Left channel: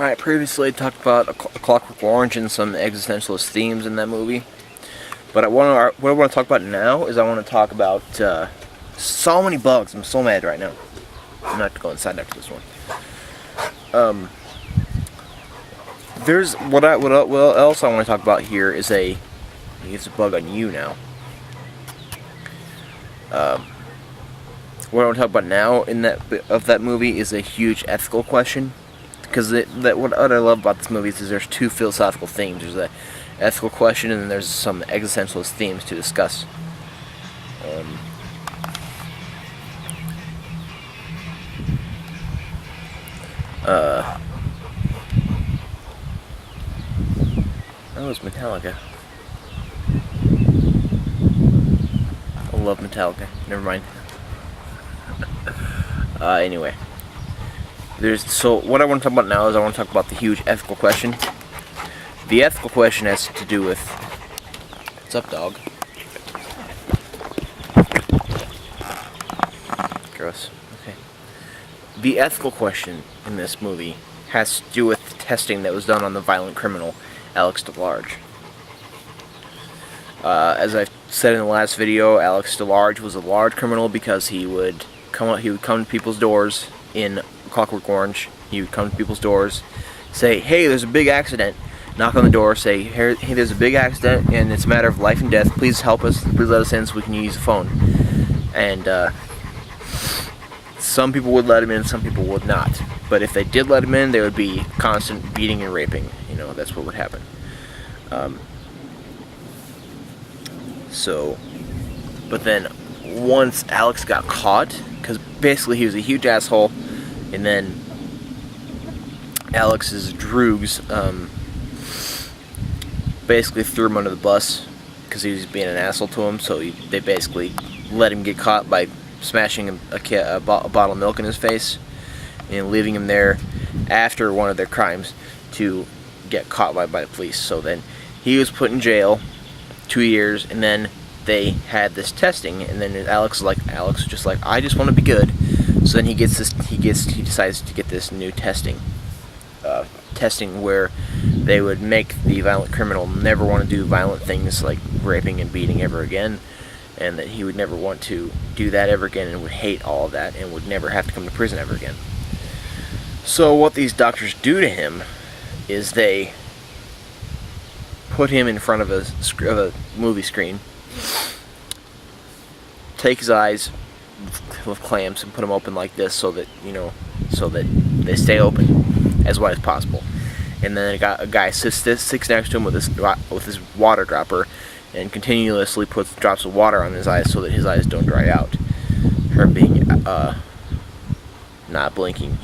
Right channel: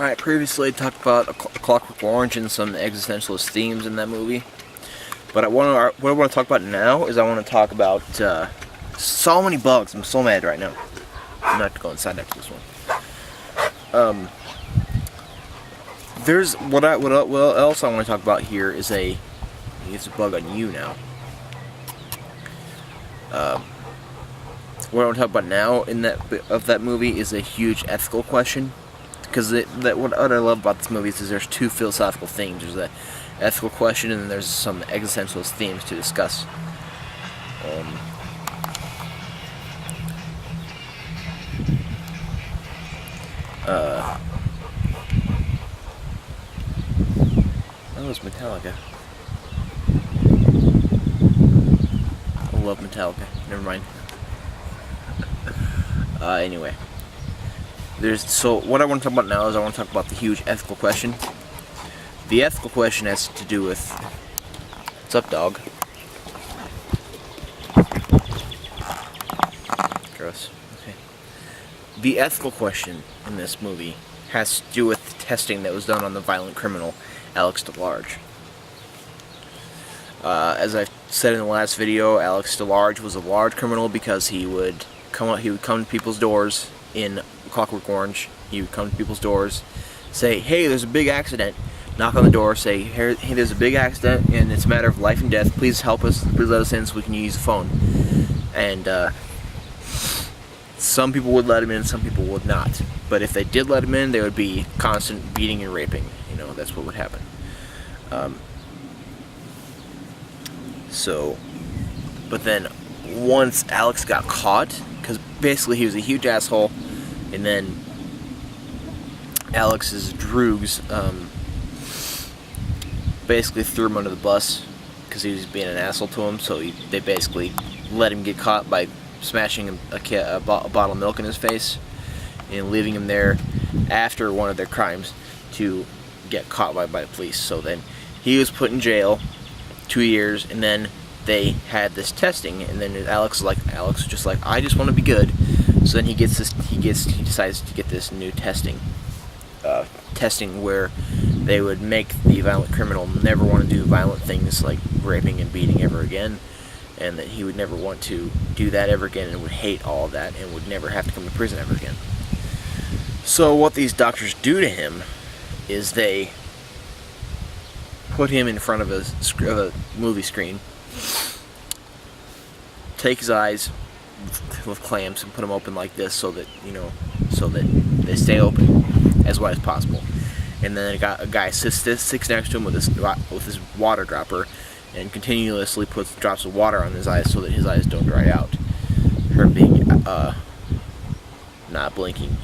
Alright, previously I talked about a Clockwork Orange and some existentialist themes in that movie. But what I want to talk about now is I want to talk about so many bugs. I'm so mad right now. I'm gonna have to go inside after this one. There's what else I want to talk about here is it's a bug on you now. What I want to talk about now in that movie is a huge ethical question. Because what I love about this movie is there's two philosophical themes. There's the ethical question, and then there's some existentialist themes to discuss. Oh, it's Metallica. I love Metallica. Never mind. Anyway. So what I want to talk about now is I want to talk about the huge ethical question. The ethical question has to do with... What's up, dog? Gross. Okay. The ethical question in this movie has to do with testing that was done on the violent criminal, Alex DeLarge. As I said in the last video, Alex DeLarge was a large criminal because he would come to people's doors in Clockwork Orange. He would come to people's doors, say, "Hey, there's a big accident." Knock on the door, say, "Hey, there's a big accident, and it's a matter of life and death. Please help us. Please let us in so we can use the phone." And some people would let him in, some people would not. But if they did let him in, there would be constant beating and raping. You know, that's what would happen. But then once Alex got caught, because basically he was a huge asshole, and then Alex's droogs basically threw him under the bus because he was being an asshole to him, so they basically let him get caught by smashing a bottle of milk in his face and leaving him there after one of their crimes to get caught by the police. So then he was put in jail 2 years, and then they had this testing, and then Alex was just like, "I just want to be good." So then he decides to get this new testing where they would make the violent criminal never want to do violent things like raping and beating ever again, and that he would never want to do that ever again, and would hate all of that, and would never have to come to prison ever again. So what these doctors do to him is they put him in front of a movie screen, take his eyes with clamps and put them open like this, so that they stay open as wide as possible. And then a guy sits next to him with his water dropper and continuously puts drops of water on his eyes so that his eyes don't dry out, her being not blinking,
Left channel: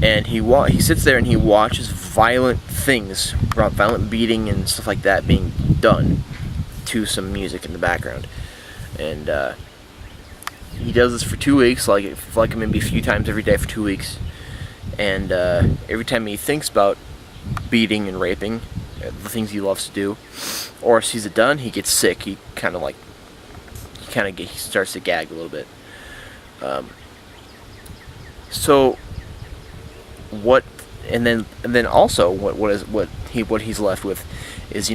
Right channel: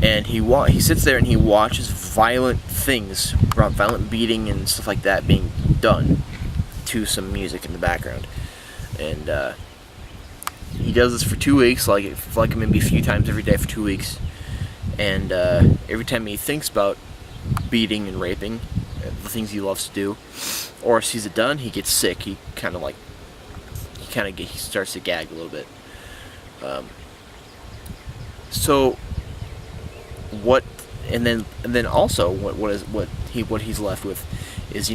And he sits there and he watches violent things, violent beating and stuff like that being done to some music in the background. And he does this for 2 weeks, like maybe a few times every day for 2 weeks. And every time he thinks about beating and raping, the things he loves to do, or sees it done, he gets sick. He starts to gag a little bit. And then also what he's left with is,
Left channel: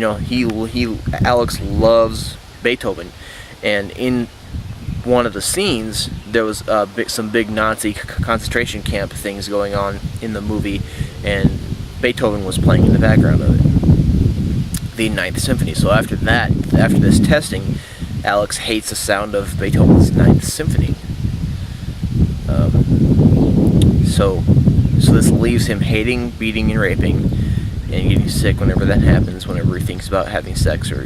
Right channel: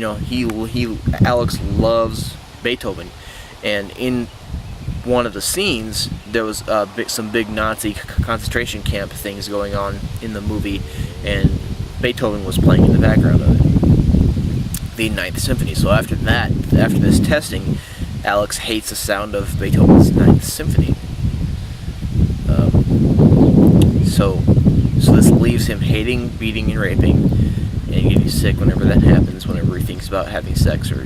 Alex loves Beethoven, and in one of the scenes there was some big Nazi concentration camp things going on in the movie, and Beethoven was playing in the background of it, the Ninth Symphony. So after this testing, Alex hates the sound of Beethoven's Ninth Symphony. So this leaves him hating beating and raping and getting sick whenever that happens, whenever he thinks about having sex or,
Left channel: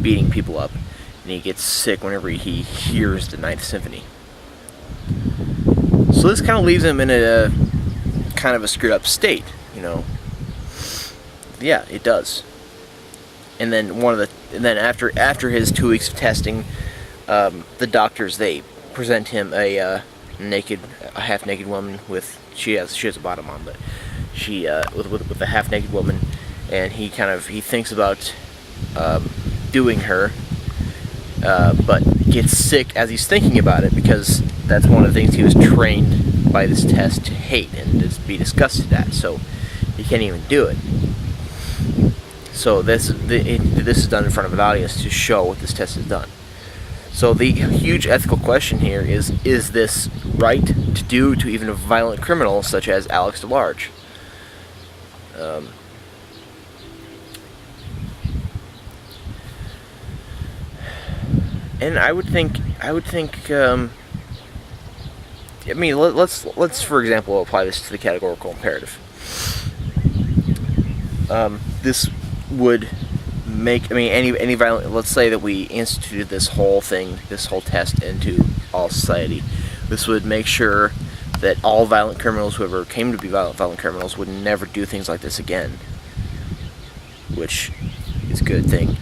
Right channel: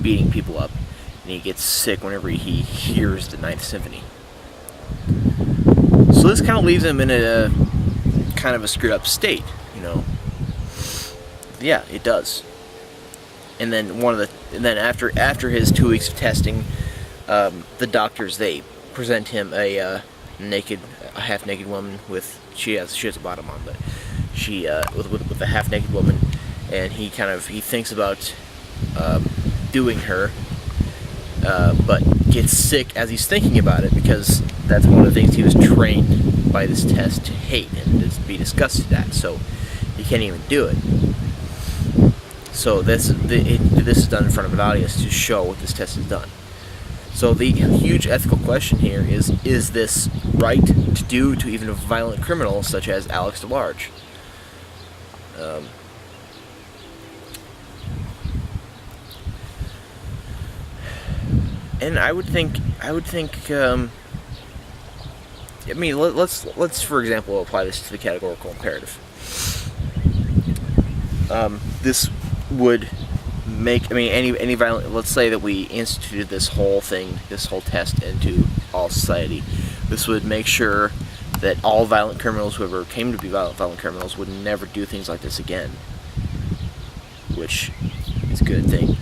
beating people up. And he gets sick whenever he hears the Ninth Symphony. So this kind of leaves him in a kind of a screwed up state, Yeah, it does. And then after his 2 weeks of testing, the doctors, they present him a half naked woman with she has a bottom on, but she with a half naked woman, and he thinks about doing her, but gets sick as he's thinking about it, because that's one of the things he was trained by this test to hate and to be disgusted at. So you can't even do it. So this is done in front of an audience to show what this test has done. So the huge ethical question here is this right to do to even a violent criminal such as Alex DeLarge? And I would think. I mean, let's for example apply this to the categorical imperative. This would make, I mean, any violent. Let's say that we instituted this whole thing, this whole test into all society. This would make sure that all violent criminals, whoever came to be violent criminals, would never do things like this again. Which is a good thing.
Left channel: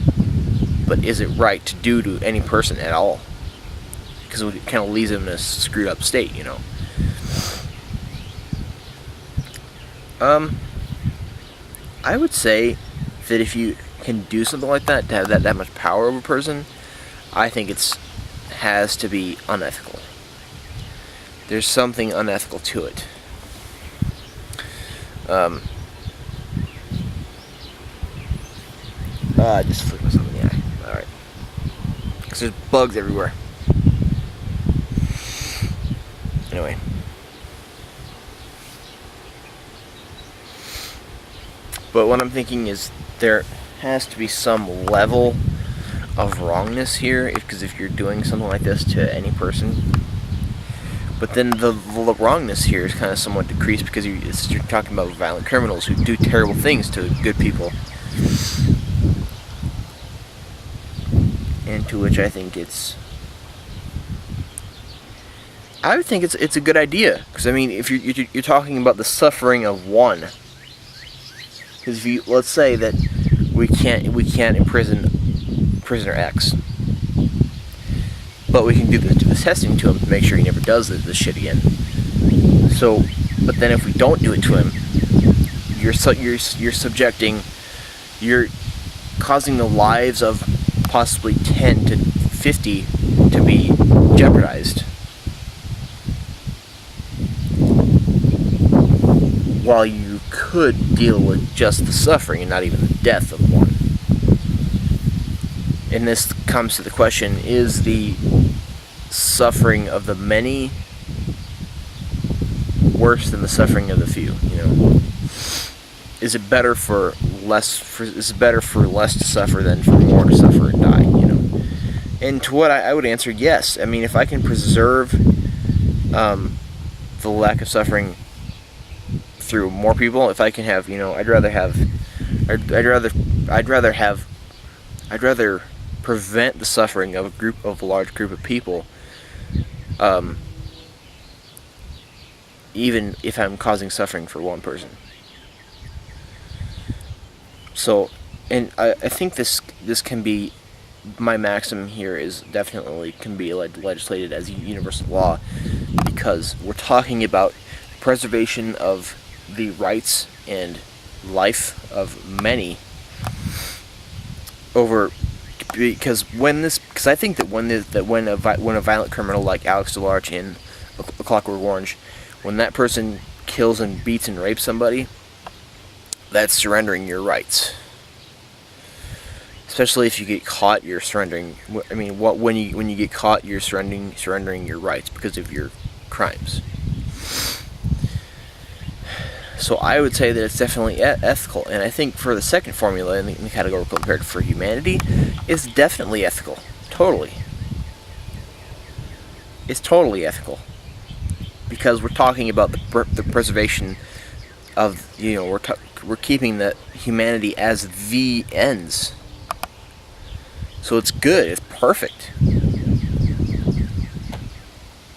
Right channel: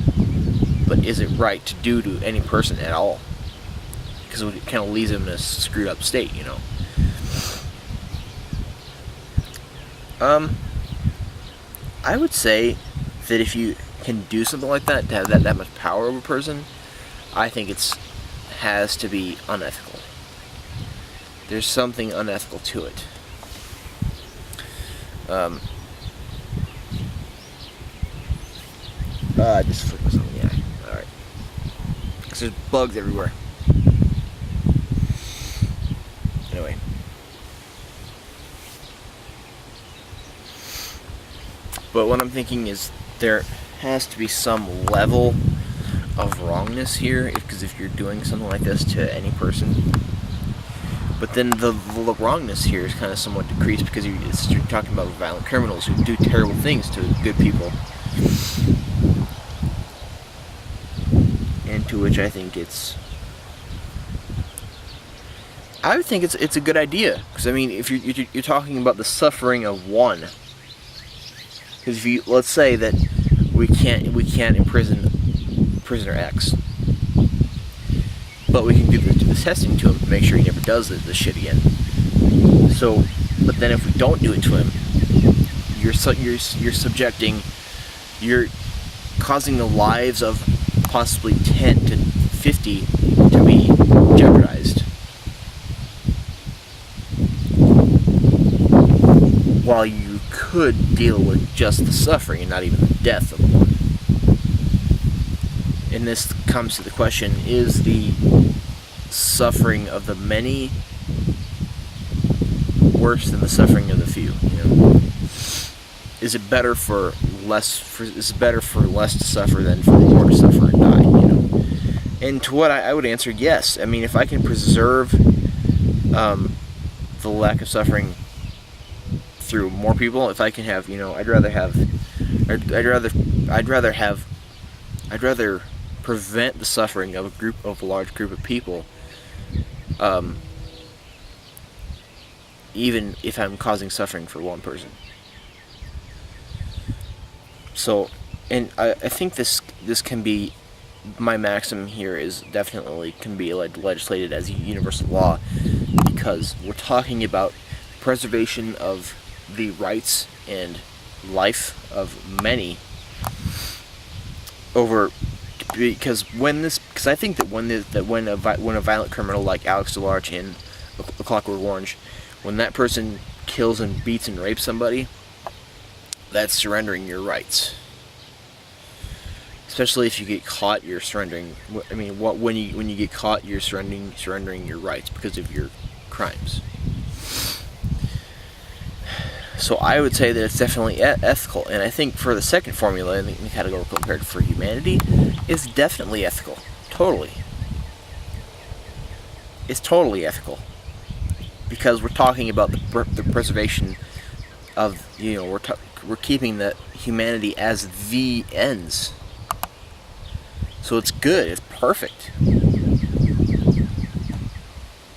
But is it right to do to any person at all? Because it kind of leaves them in a screwed up state, you know. I would say that if you can do something like that, to have that much power over a person, I think it has to be unethical. There's something unethical to it. I just flicked myself in the eye. Alright. Because there's bugs everywhere. Anyway. But what I'm thinking is there has to be some level of wrongness here, because if you're doing something like this to any person, but then the wrongness here is kind of somewhat decreased because you're talking about violent criminals who do terrible things to good people, and to which I think I would think it's a good idea, because I mean, if you're talking about the suffering of one, because if you, let's say that we can't imprison prisoner X, but we can do the testing to him to make sure he never does this shit again. So, but then if we don't do it to him, you're causing the lives of possibly 10 to 50 to be jeopardized, while you could deal with just the suffering and not even the death of one. And this comes to the question, is the suffering of the many worse than the suffering of the few, you know? Is it better for less to suffer than for more to suffer and die, you know? And to what I would answer, yes. I mean, if I can preserve the lack of suffering through more people, if I can have, you know, I'd rather prevent the suffering of a large group of people, even if I'm causing suffering for one person. So, and I think this can be, my maximum here is definitely can be legislated as a universal law, because we're talking about preservation of the rights and life of many over, because I think that when a violent criminal like Alex DeLarge in A Clockwork Orange, when that person kills and beats and rapes somebody, that's surrendering your rights. Especially if you get caught, you're surrendering. I mean, when you get caught, you're surrendering your rights because of your crimes. So I would say that it's definitely ethical, and I think for the second formula in the categorical imperative for humanity, it's definitely ethical. Totally. It's totally ethical, because we're talking about the preservation of, you know, we're keeping the humanity as the ends. So it's good. It's perfect.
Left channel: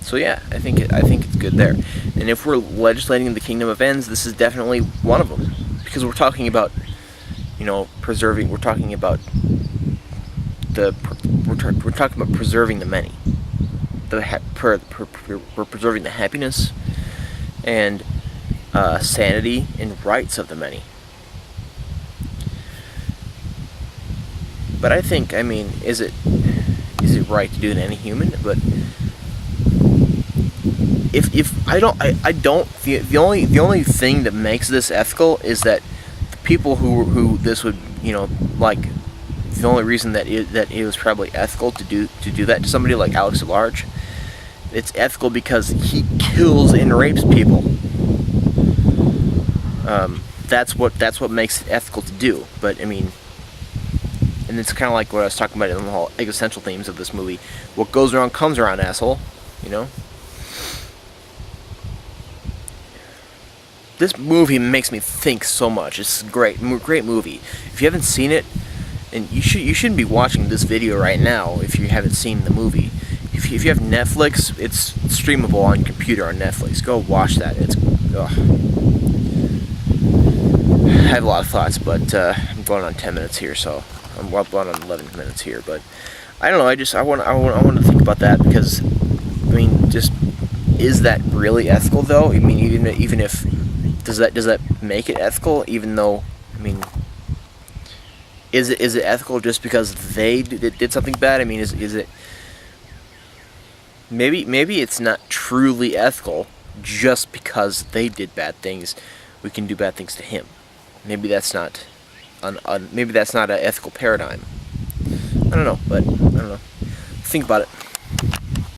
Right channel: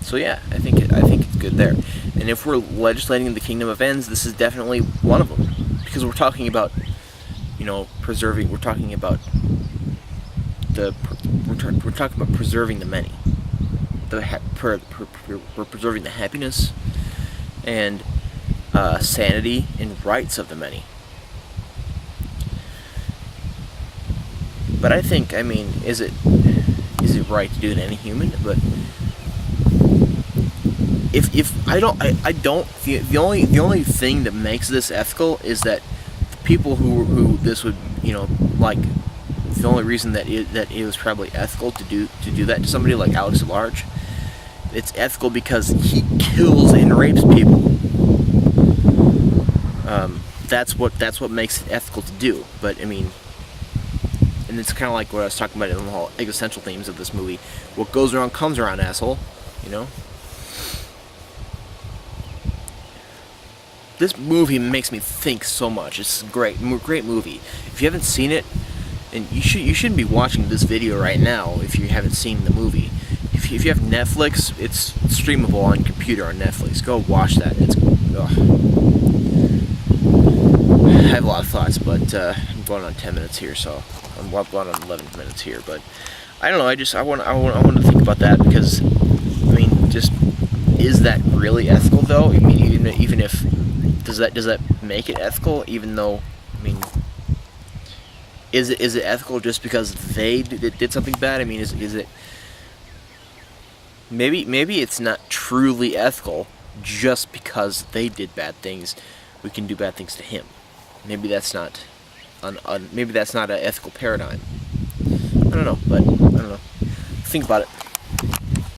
So yeah, I think it's good there. And if we're legislating the kingdom of ends, this is definitely one of them, because we're talking about, you know, preserving. We're talking about preserving the many. We're preserving the happiness and sanity and rights of the many. But I think, I mean, is it right to do to any human? But if I don't the only thing that makes this ethical is that the people who this would, you know, like, the only reason that it was probably ethical to do that to somebody like Alex at Large, it's ethical because he kills and rapes people. That's what makes it ethical to do. But I mean, and it's kind of like what I was talking about in the whole existential themes of this movie. What goes around comes around, asshole. You know. This movie makes me think so much. It's a great movie. If you haven't seen it, and you shouldn't be watching this video right now if you haven't seen the movie. If you have Netflix, it's streamable on your computer on Netflix. Go watch that. It's I have a lot of thoughts, but I'm going on 10 minutes here, so I'm going on 11 minutes here. But I don't know. I want to think about that because, I mean, just, is that really ethical though? I mean, even if does that make it ethical? Even though, I mean, is it ethical just because they did something bad? I mean, is it maybe it's not truly ethical just because they did bad things. We can do bad things to him. Maybe that's not maybe that's not an ethical paradigm. I don't know, but I don't know. Think about it.